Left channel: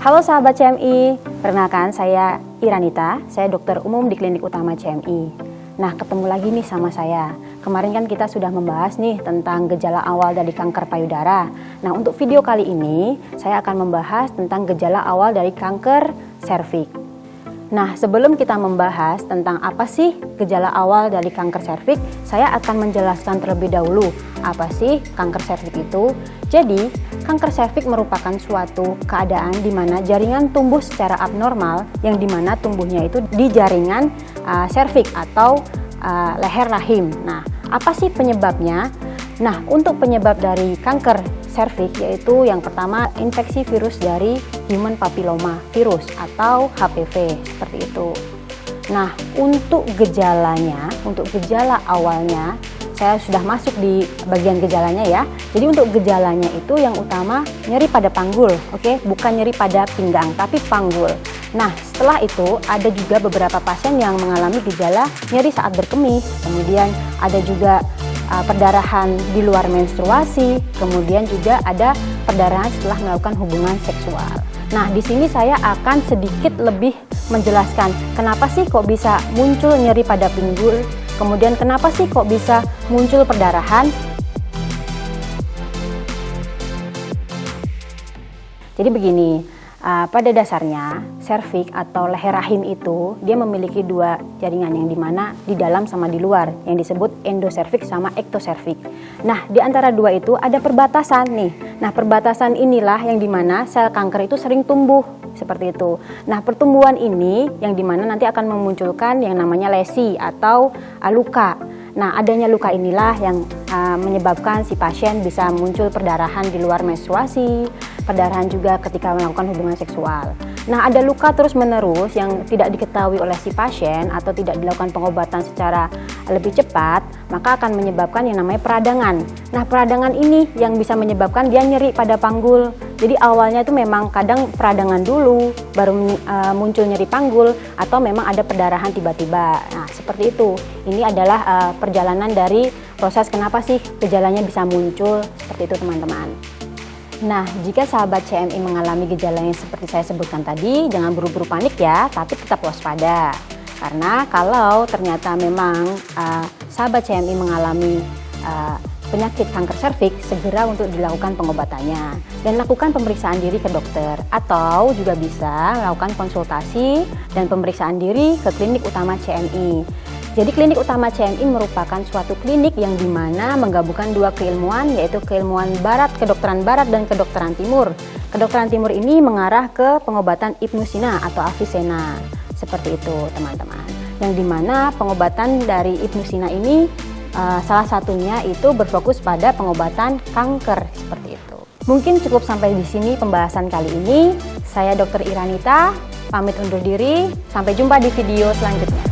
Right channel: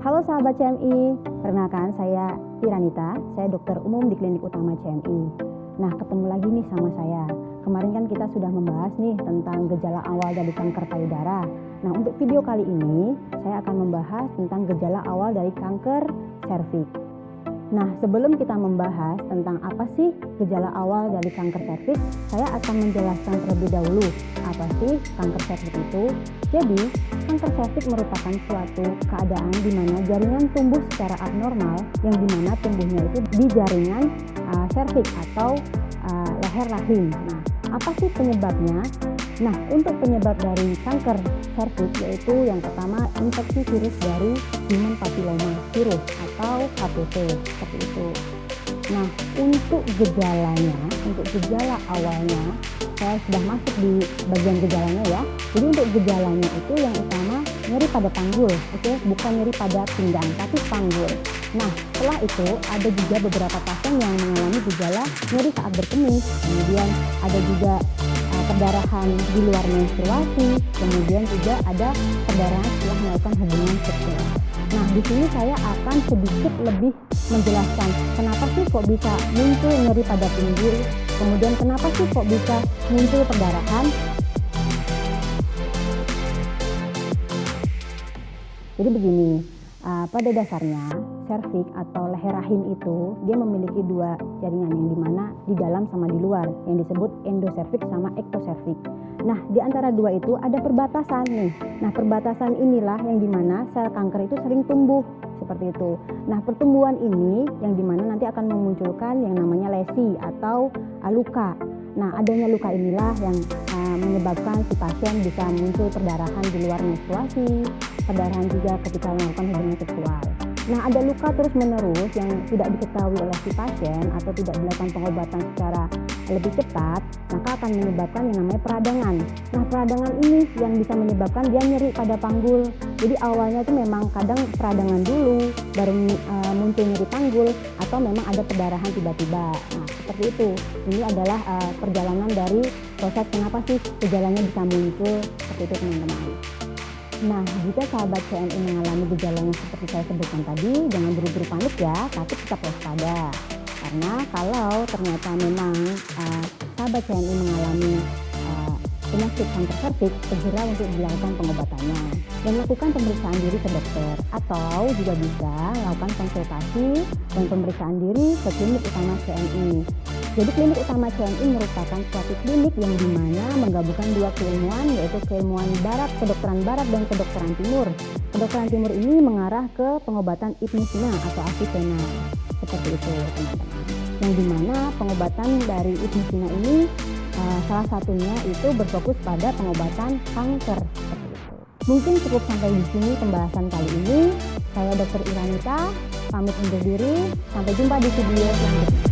Halo sahabat CMI, perkenalkan saya Iranita, saya dokter umum di Klinik Utama CMI. Nah, ketemu lagi nih sama saya. Kemarin kan kita sudah membahas nih tentang gejala awal dari kanker payudara. Nah, untuk video kali ini saya akan membahas tentang gejala awal dari kanker serviks. Nah, sebelum kita membahas tentang apa sih gejala awal dari kanker serviks, saya akan menjelaskan terlebih dahulu apa sih kanker serviks itu. Jadi, kanker serviks merupakan suatu keadaan di mana jaringan tumbuh secara abnormal, yang di mana tumbuhnya itu di jaringan serviks atau leher rahim. Nah, apa sih penyebabnya? Nah, untuk penyebab dari kanker serviks yaitu yang pertama infeksi virus dari human papilloma virus atau HPV seperti itu. Nah, untuk gejalanya, untuk gejala awalnya saya sudah masuk di bagian gejalanya ya. Jadi untuk gejalanya itu yang utama nyeri pada panggul, oke? Bukan nyeri pada pinggang tapi panggul. Nah, setelah itu ada juga beberapa pasien yang mengalami gejala nyeri saat berkemih, kemudian ada juga perdarahan di luar menstruasi, kemudian juga ada perdarahan setelah melakukan hubungan seksual. Nah, di sini saya akan sedikit lebih menjelaskan kenapa sih kok bisa muncul nyeri pada pinggul, kemudian kenapa sih kok bisa muncul perdarahan. Jadi begini, pada dasarnya serviks atau leher rahim itu dia memiliki dua jaringan yang dimana di dalam sama di luar yang disebut endoserviks sama ektoserviks. Nah, di antara dua itu ada perbatasan nih. Nah, perbatasan inilah yang dimana sel kanker itu sering tumbuh seperti itu. Nah, pertumbuhan ini yang dimana nanti akan memunculkan yang namanya lesi atau luka. Nah, adanya luka inilah yang menyebabkan si pasien bisa muncul perdarahan di luar menstruasi, perdarahan juga ketika melakukan hubungan seksual. Nah, ada luka terus-menerus yang tidak diketahui oleh si pasien atau tidak dilakukan pengobatan secara lebih cepat, maka akan menyebabkan yang namanya peradangan. Nah, peradangan ini yang bisa menyebabkan dia nyeri pada panggul. Jadi awalnya itu memang kadang peradangan dulu, baru muncul nyeri panggul, atau memang ada perdarahan tiba-tiba. Nah, seperti itu. Ini adalah perjalanan dari proses kenapa sih gejalanya bisa muncul, seperti itu teman-teman. Nah, jika sahabat CMI mengalami gejala yang seperti saya sebutkan tadi, jangan buru-buru panik ya, tapi tetap waspada. Karena kalau ternyata memang sahabat CMI mengalami penyakit kanker serviks, segera untuk dilakukan pengobatannya. Dan lakukan pemeriksaan diri ke dokter, atau juga bisa melakukan konsultasi dan pemeriksaan diri ke Klinik Utama CMI. Jadi Klinik Utama CMI merupakan suatu klinik yang dimana menggabungkan dua keilmuan, yaitu keilmuan barat, kedokteran barat dan kedokteran timur. Kedokteran timur ini mengarah ke pengobatan Ibnusina atau Avicenna, seperti itu teman-teman. Yang dimana pengobatan dari Ibnusina ini salah satunya itu berfokus pada pengobatan kanker, seperti itu. Mungkin cukup sampai di sini pembahasan kali ini. Saya Dr. Iranita, pamit undur diri. Sampai jumpa di video selanjutnya.